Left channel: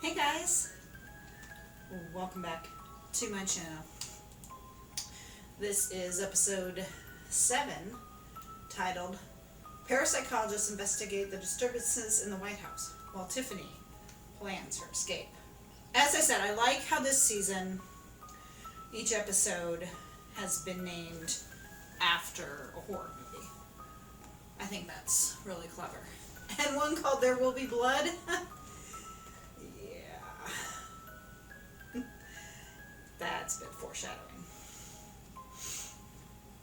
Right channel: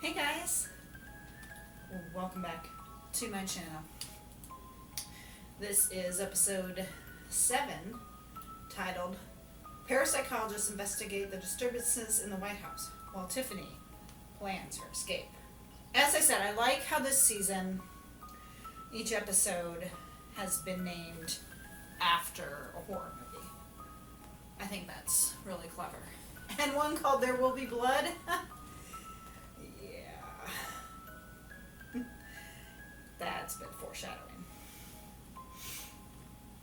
Hey guys, welcome back to my channel. This is episode 7, titled Parapsychologists Investigate the Disturbances in the White House while Tiffany plans her escape. As I said, I like how this season, each episode has been named after a horror movie. I think that's really clever. And one called There Will Be Blood. That's been foreshadowing.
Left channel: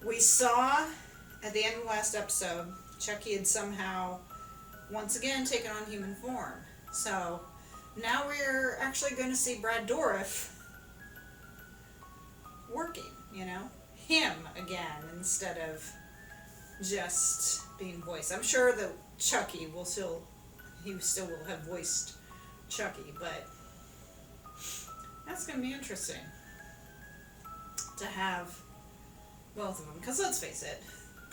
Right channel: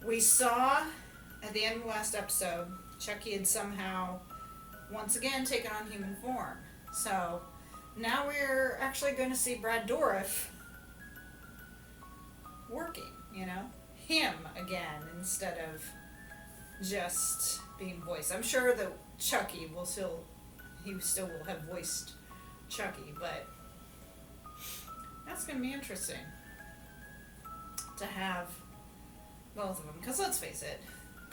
We saw at the end of the last episode, Chucky had somehow once again taken on human form. So now we're actually going to see Brad Dourif working, him again instead of just being voiced. I'm sure that Chucky will still will have voiced Chucky, but that's going to be interesting to have both of them, because let's face it,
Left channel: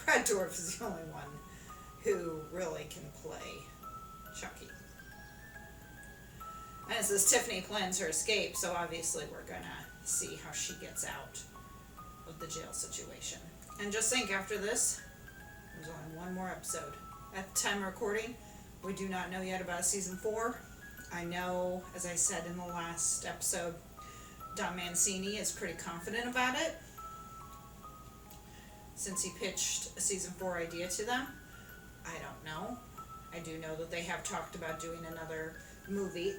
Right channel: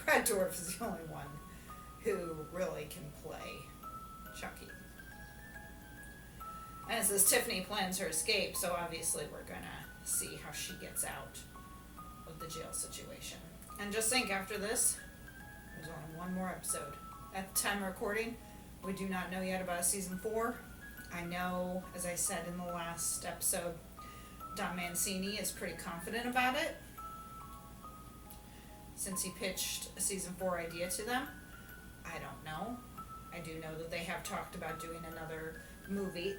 Brad Dourif is the only one who really can play Chucky. And it says Tiffany plans her escape, so obviously we're gonna see how she gets out of the jail situation. And just think, after this, there's only one more episode. At the time of recording, we do not know yet about season 4. I know, as I said in the last episode, Don Mancini is pretty confident about it since he pitched a season 4 idea to them. I don't know. I do know that they have talked about doing another movie,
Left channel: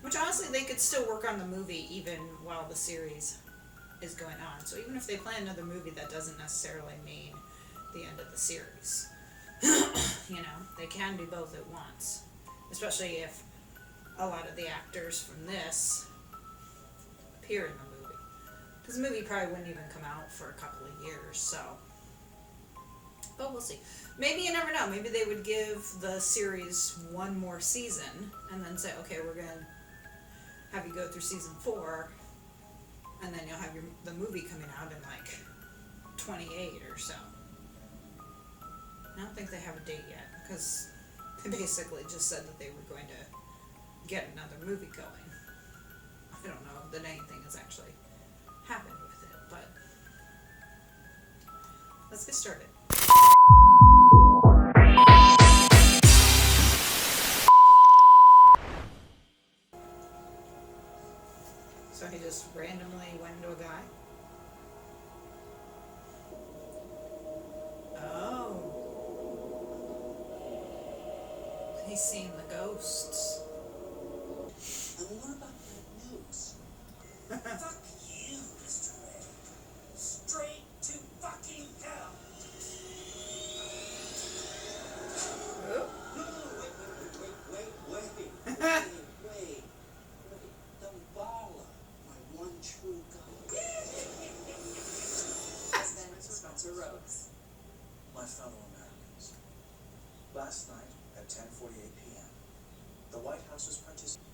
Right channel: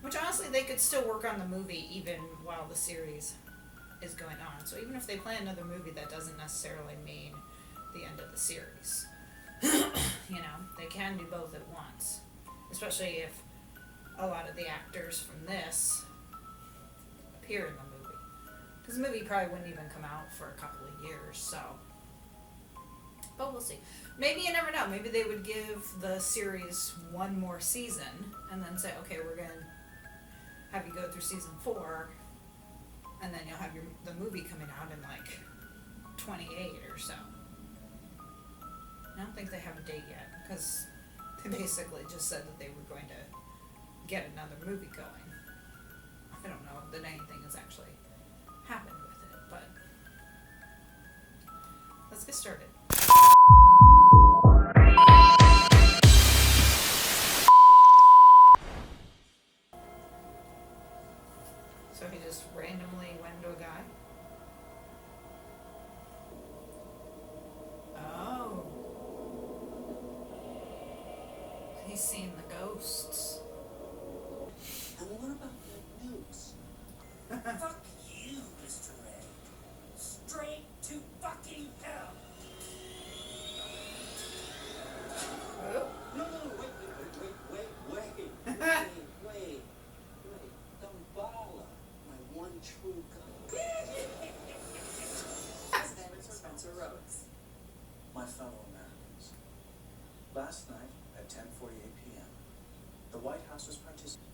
which honestly they could still work on the movie even while the series is going on. So even if they plan another movie, that doesn't necessarily mean the end of the series. They can do both at once, especially if a lot of the actors from this appear in the movie, because the movie probably wouldn't even come out for a couple of years. So, but we'll see. Maybe, you never know, maybe they would give the series one more season and then say, okay, we're gonna have you go through season 4, and then you'll have the movie coming out in like 28 or so. I don't think they have a date yet, because they basically just said that they were going to get another movie going. I don't know that anything has actually happened with it, but let's get started. So he just randomly went into a guy? Oh. He's seen the ghosts. And what about that news? Fuck you, Mr. Ray. Straight to fucking hell. Oh. No, wait. Damballa, my one true god. Senator Spencer Rhodes. My fellow Americans. Last night at 10:48 p.m., the White House was participating.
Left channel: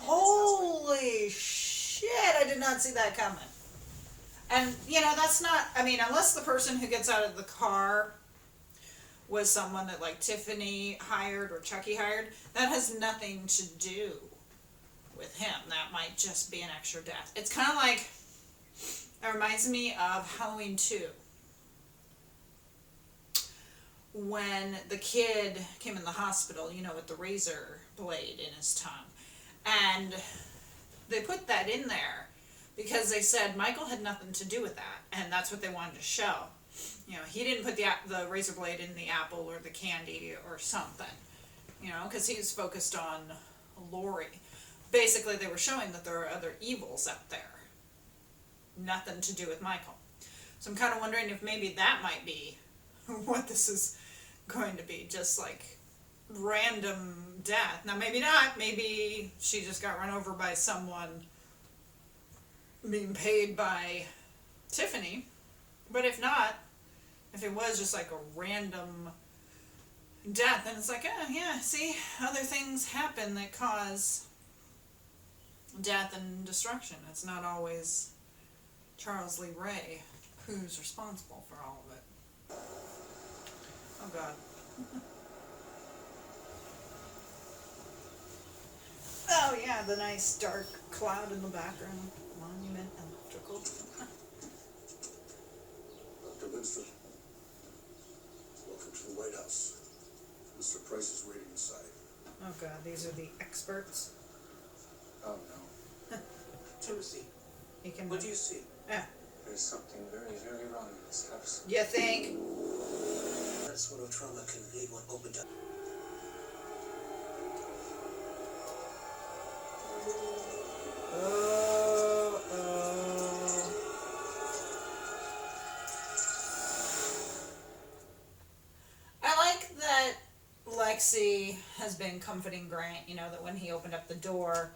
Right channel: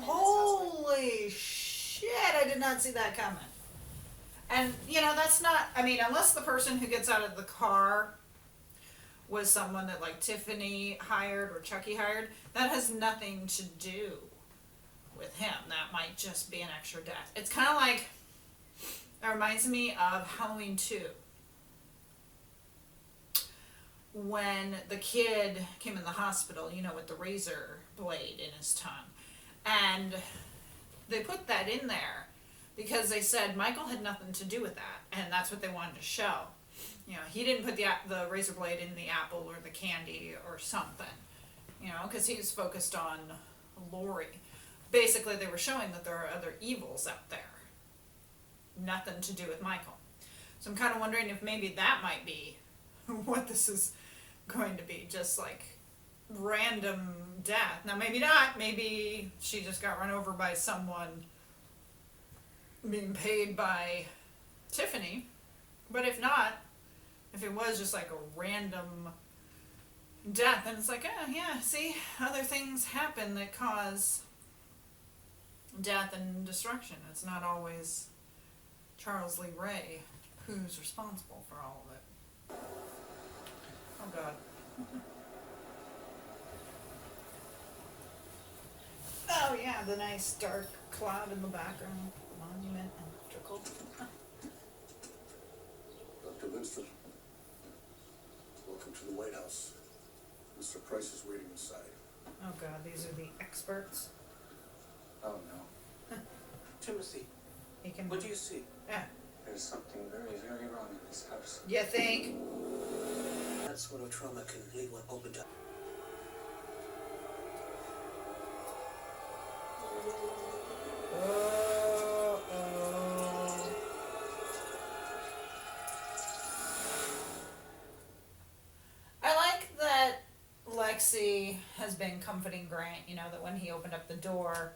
Holy shit, I did not see that coming. And, that's not, unless the person who gets out of the car was someone that, like, Tiffany hired or Chucky hired, that has nothing to do with him. That might just be an extra death. It's kind of like, it reminds me of Halloween 2. When the kid came in the hospital, with the razor blade in his tongue. And they put that in there because they said Michael had nothing to do with that, and that's what they wanted to show. He didn't put the razor blade in the apple or the candy or something, because he was focused on Lori. Basically, they were showing that there are other evils out there. Nothing to do with Michael. So I'm kind of wondering if maybe that might be what this is going to be, just like random death. Now maybe not, maybe she just got run over by someone being paid by Tiffany, but if not, if it was just like a random death, then it's like, see, other things happen that cause death and destruction. It's not always Charles Lee Ray who's responsible for all of it. Oh God. Oh yeah, the nice dark cloud in the background. Monument Electrical. Dr. Lindstrom, welcome to the White House. Mr. Price is waiting inside. Oh god, these are the experts. Oh no. Timothy, He can. what do you see? There's something very, very wrong in this house. You think? That sort of trauma can leave one open to. Oh. I like that Lexi has been comforting Grant, you know, that when he opened up the door,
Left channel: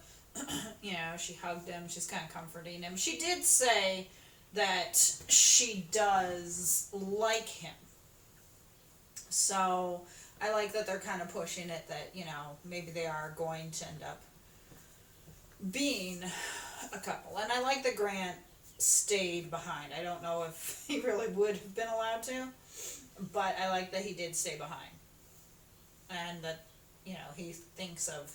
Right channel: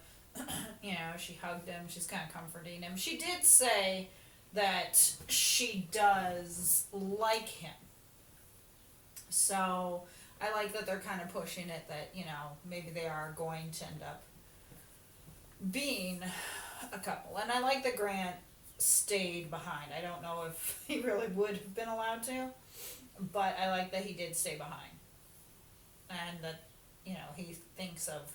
you know, she hugged him, she's kind of comforting him. She did say that she does like him. So I like that they're kind of pushing it that, you know, maybe they are going to end up being a couple. And I like that Grant stayed behind. I don't know if he really would have been allowed to, but I like that he did stay behind. And that, you know, he thinks of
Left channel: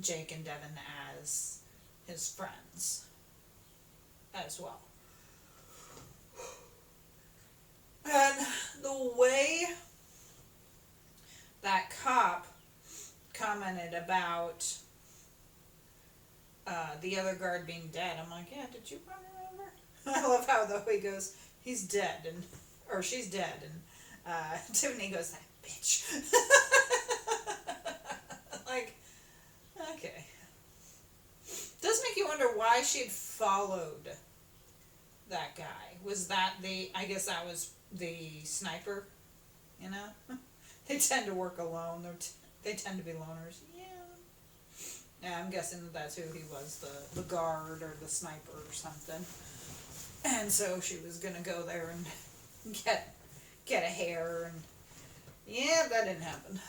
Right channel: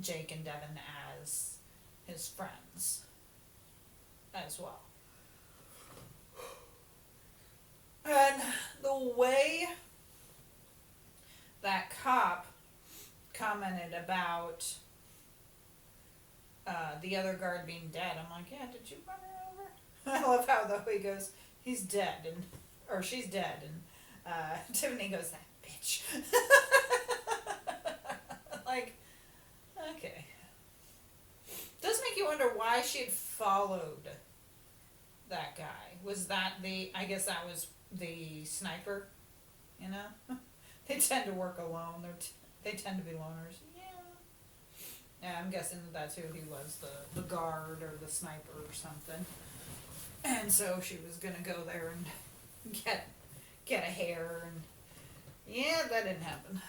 Jake and Devin as his friends as well. And the way that cop commented about the other guard being dead, I'm like, yeah, did you run her over? I love how though he goes, he's dead, and or she's dead, and Tiffany goes, that bitch. Like, okay. Does make you wonder why she had followed that guy. Was that I guess that was the sniper, you know? They tend to work alone. They tend to be loners. Yeah, I'm guessing that's who he was, the guard or the sniper or something. And so she was gonna go there and get a hair, and yeah, that didn't happen.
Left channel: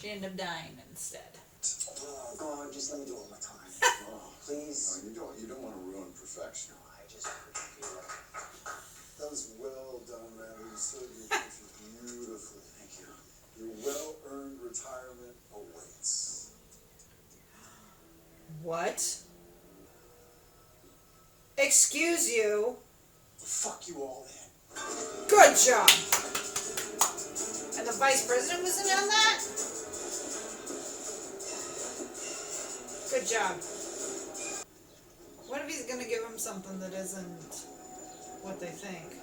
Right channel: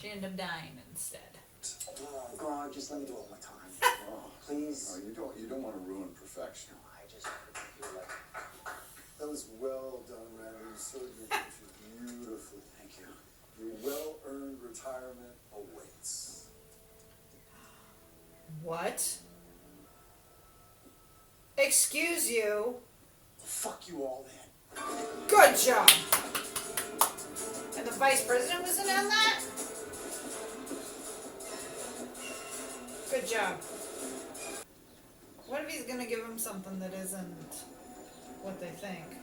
She ended up dying instead. Oh, God, just let me do it one more time. Oh, Please. no, you don't want to ruin perfection. No, I just feel like. That was well done, man. You served your country beautifully. Thank you. Your well-earned retirement awaits. What? Excuse you. Fuck you all then. Good job. And the vice president was in on that? Good job. What if he's gonna give him something that isn't what they think?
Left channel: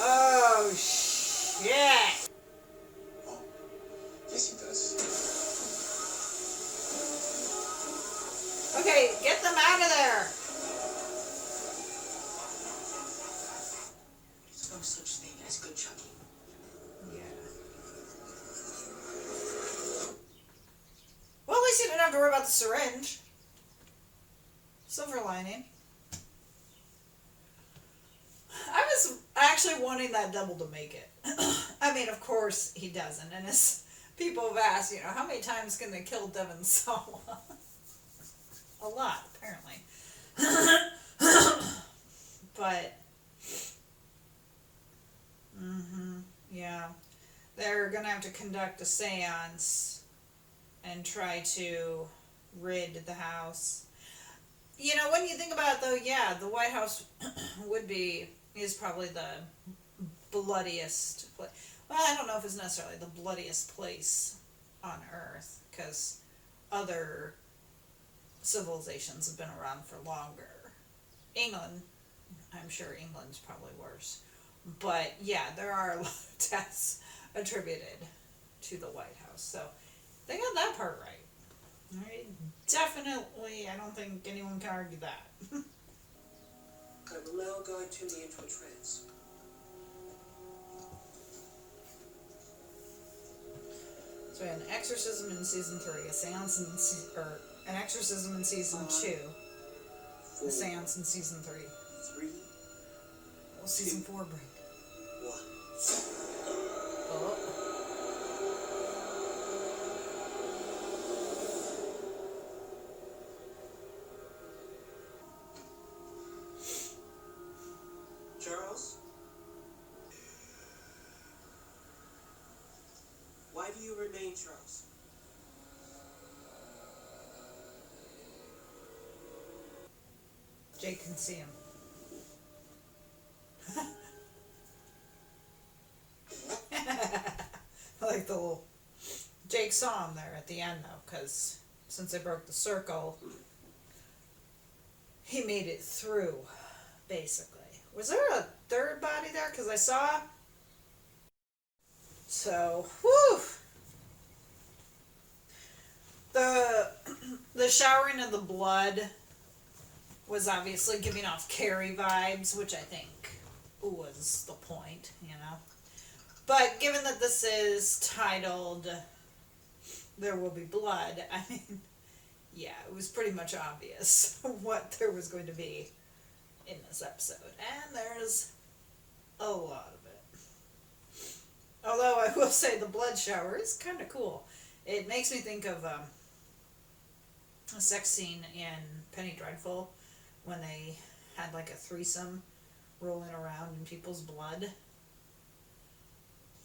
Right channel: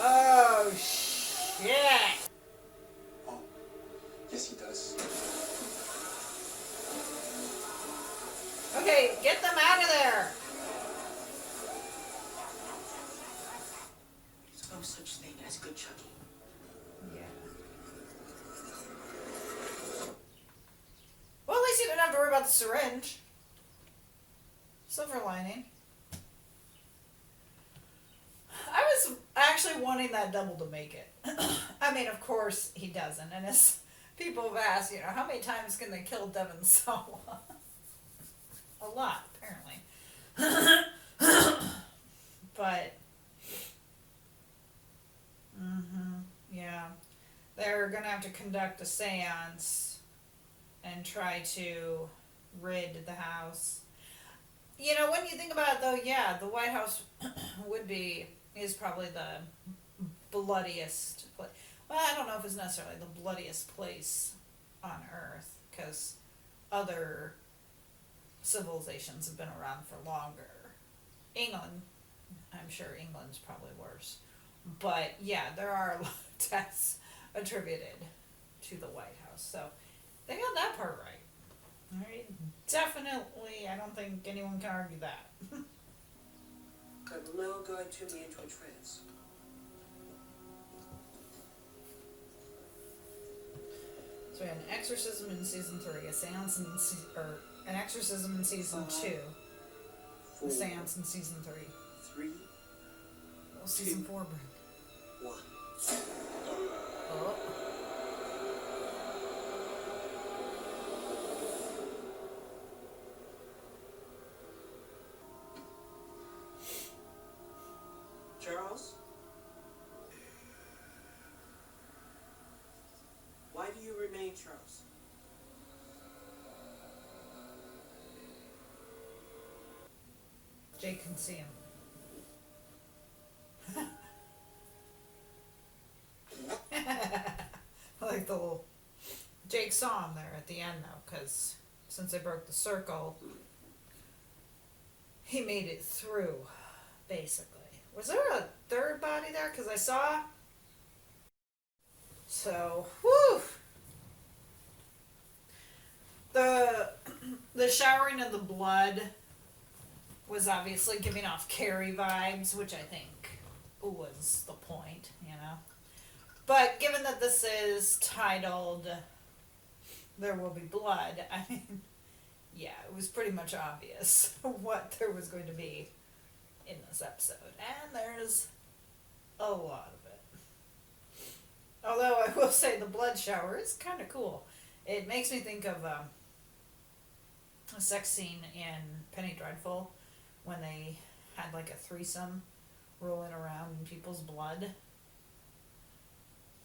Oh, shit. Oh, yes, he does. Okay, get them out of there. There's no such thing as good Chucky. Yeah. Well, at least you didn't have to worry about the syringe. Silver lining. I was actually wanting that double to make it. I mean, of course he doesn't. And as people have asked, you know, how many times can they kill Devin Sawa? A lot, apparently. But, yeah. They're going to have to conduct a seance and try to rid the house. You know, when you think about it, though, yeah, the White House is probably the bloodiest place. Well, I don't know if it's necessarily the bloodiest place on Earth, because other civilizations have been around for longer. England, I'm sure England's probably worse. But, yeah, there are a lot of deaths attributed to the White House. So, they got that part right. All right, definitely, I don't think anyone can argue that. I will now guide Timmy into a trance. So we had an exorcism in season 3, a seance in an exorcism in season 2, a seance in season 3. 3, What will season 4 bring? 1. Oh. Jake can see him. Like the little Jake saw him there at the end though, because since they broke the circle, he made it through, basically. Was there a third body there? Because I saw. So, whew. The showering of the blood was obviously giving off Carrie vibes, which I think was the point, you know. But given that this is titled There Will Be Blood, I mean, yeah, it was pretty much obvious what there was going to be in this episode. And there's a lot of it. Although I will say the blood shower is kind of cool. It makes me think of a sex scene in Penny Dreadful when they had like a threesome rolling around in people's blood.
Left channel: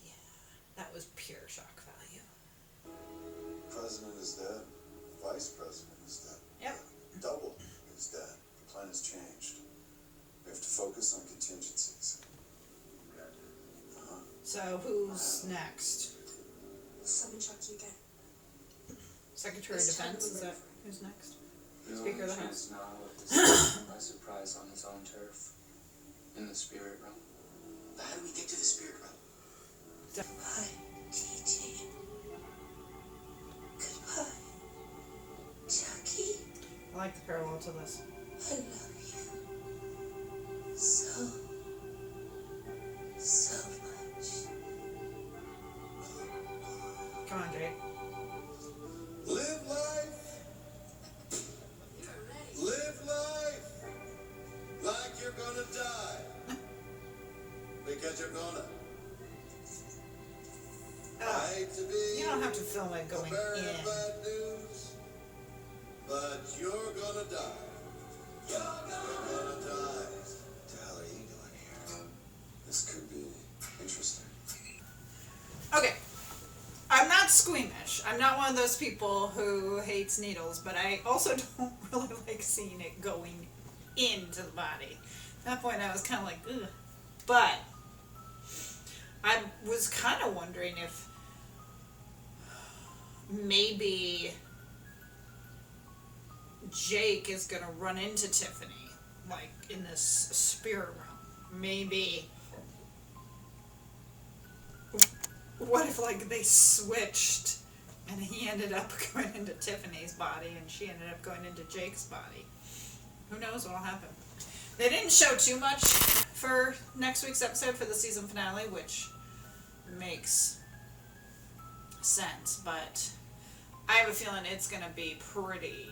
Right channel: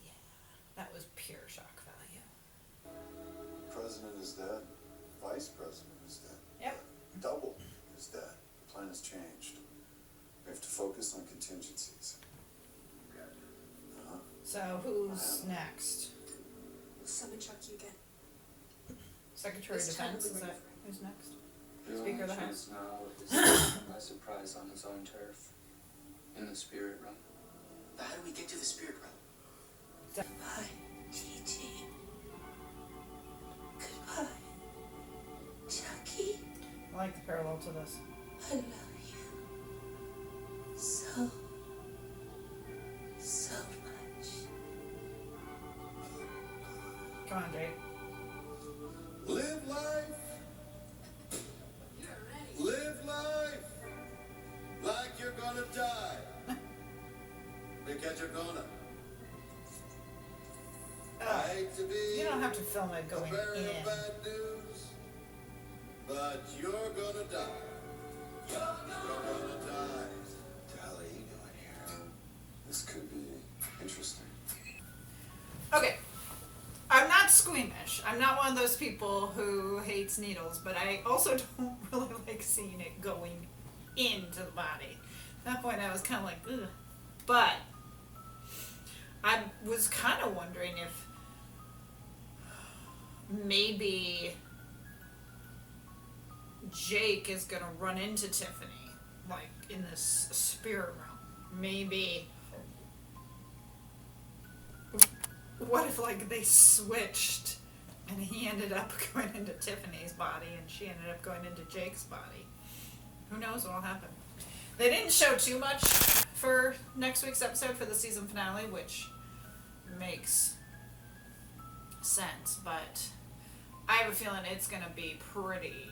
Yeah, that was pure shock value. President is dead. Vice president is dead. Yep. Double is dead. The plan has changed. We have to focus on contingencies. So who's next? Summon Chucky again. Secretary of Defense, is that who's next? The Speaker of the only House. chance now is taking him by surprise on his own turf, in the spirit realm. But how do we get to the spirit realm? Goodbye, TT. Goodbye, Chucky. I like the parallel to this. I love you so much. Come on, Jake. Live life. Live life like you're gonna die. Because you're gonna. I hate to be You don't have to film it the going bearer in. of bad news, but you're gonna die. You're gonna die. What the hell are you doing here? This could be interesting. Okay. I'm not squeamish. I'm not one of those people who hates needles, but I also don't really like seeing it going into the body. At that point, I was kind of like, ugh. But I was kind of wondering if maybe Jake is going to run into Tiffany, like, in this spirit realm. Maybe. What if, like, they switched and he ended up going into Tiffany's body and she ended up going into Jake's body? Who knows what'll happen? They didn't show too much for next week's episode for the season finale, which makes sense, but I have a feeling it's going to be pretty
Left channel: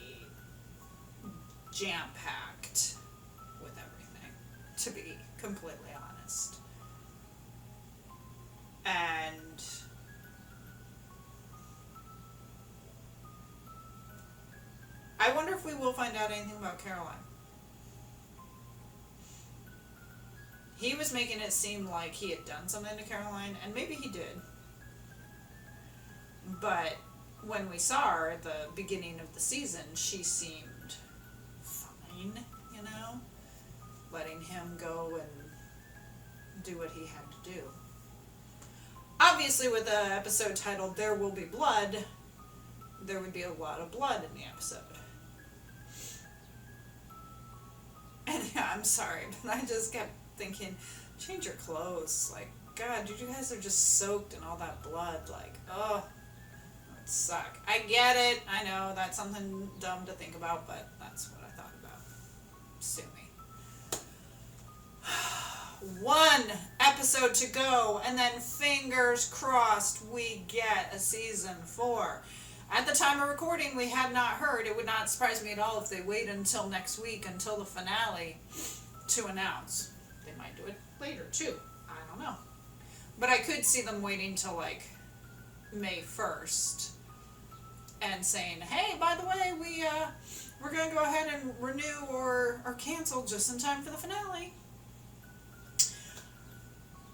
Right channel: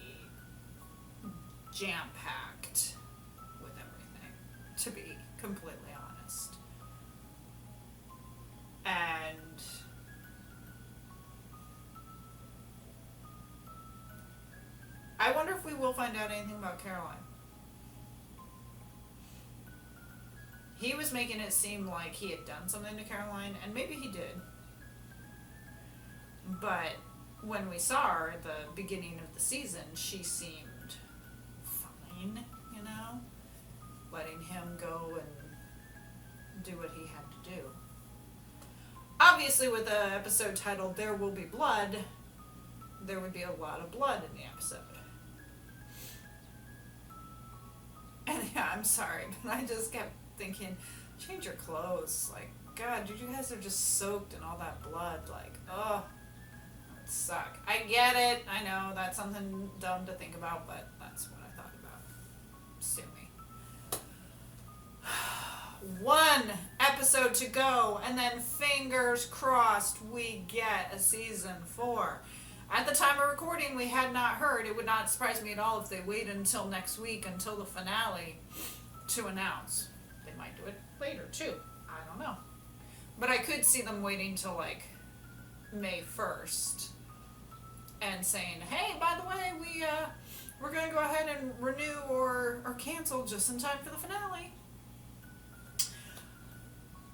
jam-packed with everything, to be completely honest. And I wonder if we will find out anything about Caroline. He was making it seem like he had done something to Caroline, and maybe he did. But when we saw her at the beginning of the season, she seemed fine, you know? Letting him go and do what he had to do. Obviously, with the episode titled There Will Be Blood, there would be a lot of blood in the episode. And yeah, I'm sorry, but I just kept thinking, change your clothes. Like, God, you guys are just soaked in all that blood. Like, oh, that would suck. I get it. I know that's something dumb to think about, but that's what I thought about. Sue me. One episode to go, and then fingers crossed we get a season 4. At the time of recording, we had not heard. It would not surprise me at all if they wait until next week, until the finale, to announce. They might do it later, too. I don't know. But I could see them waiting till, like, May 1st and saying, hey, by the way, we're going to go ahead and renew or cancel just in time for the finale.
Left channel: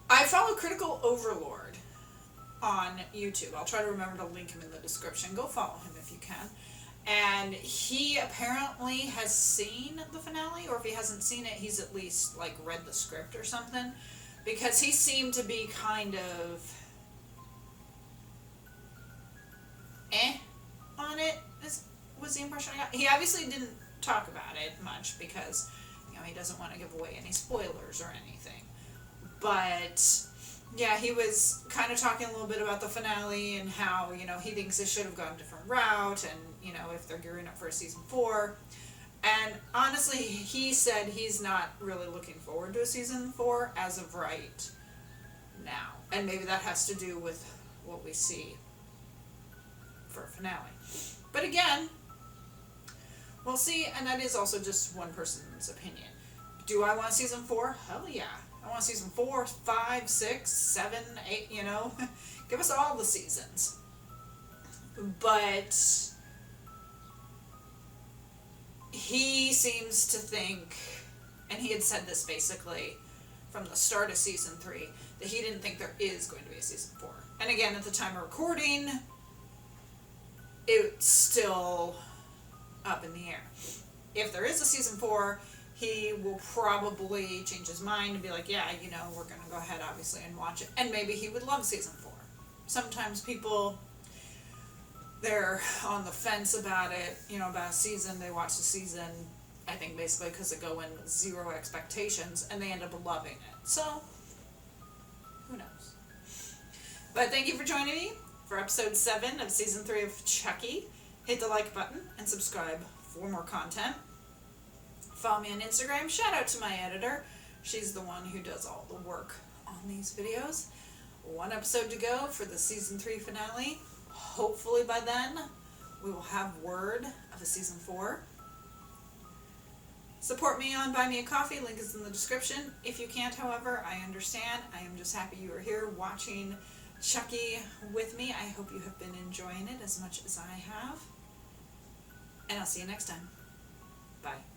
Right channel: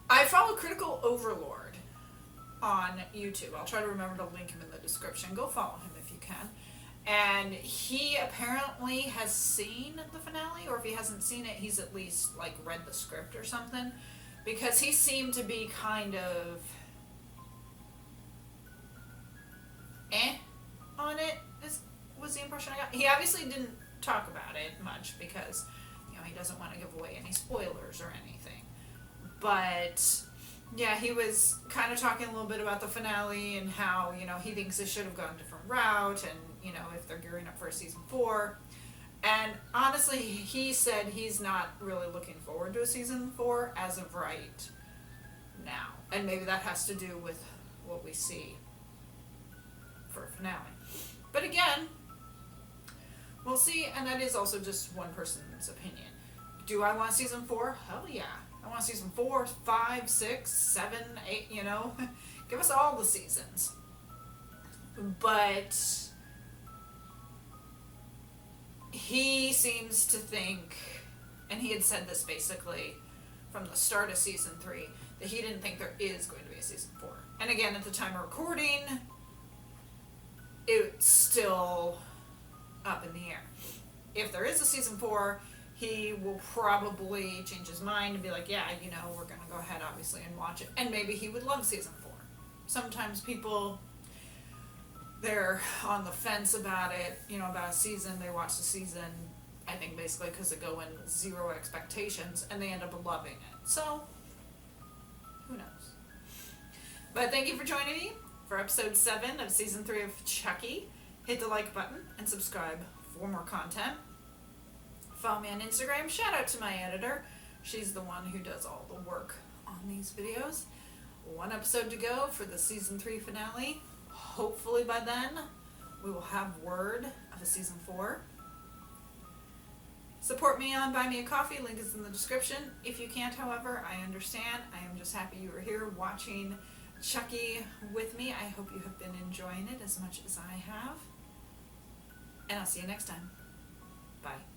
I follow Critical Overlord on YouTube. I'll try to remember to link him in the description. Go follow him if you can. and he apparently has seen the finale, or if he hasn't seen it, he's at least like read the script or something, because he seemed to be kind of on it, was the impression I got. He obviously didn't talk about it much because, you know, he doesn't want to give away any spoilers or anything. But yeah, he was kind of talking a little bit about the finale and how, you know, he thinks it should have gone a different route, and, you know, if they're gearing up for a season 4. And honestly, he said he's not really looking forward to a season 4 as of right now. And maybe that has to do with what we see for a finale. But again, we'll see, and that is also just one person's opinion. Do I want season 4? Hell yeah. I want season 4, 5, 6, 7, 8, you know. Give us all the seasons. But he seems to think, and he had said this basically from the start of season 3, that he didn't think there is going to be a season 4. And again, at the time of recording, it's still up in the air. If there is a season 4, he will probably change his mind and be like, yeah, you know, we're going to go ahead, obviously, and watch it. And maybe he would love season 4. Sometimes people, they're on the fence about it, you know, about a season. They watch the season, I think, basically because they go in with 0 expectations, and they end up loving it. So, who knows? But thank you for joining me for episode 7 of season 3 of Chucky. Hit the like button and subscribe for more content. Follow me on Instagram. Shout out to my editor. She's the one who does all the work on these videos. 1 episode to go for the season 3 finale. Hopefully by then we will have word of a season 4. Support me on Buy Me a Coffee. Link is in the description. If you can't, however, I understand. I am just happy you are here watching Chucky with me. I hope you have been enjoying it as much as I have. And I'll see you next time. Bye.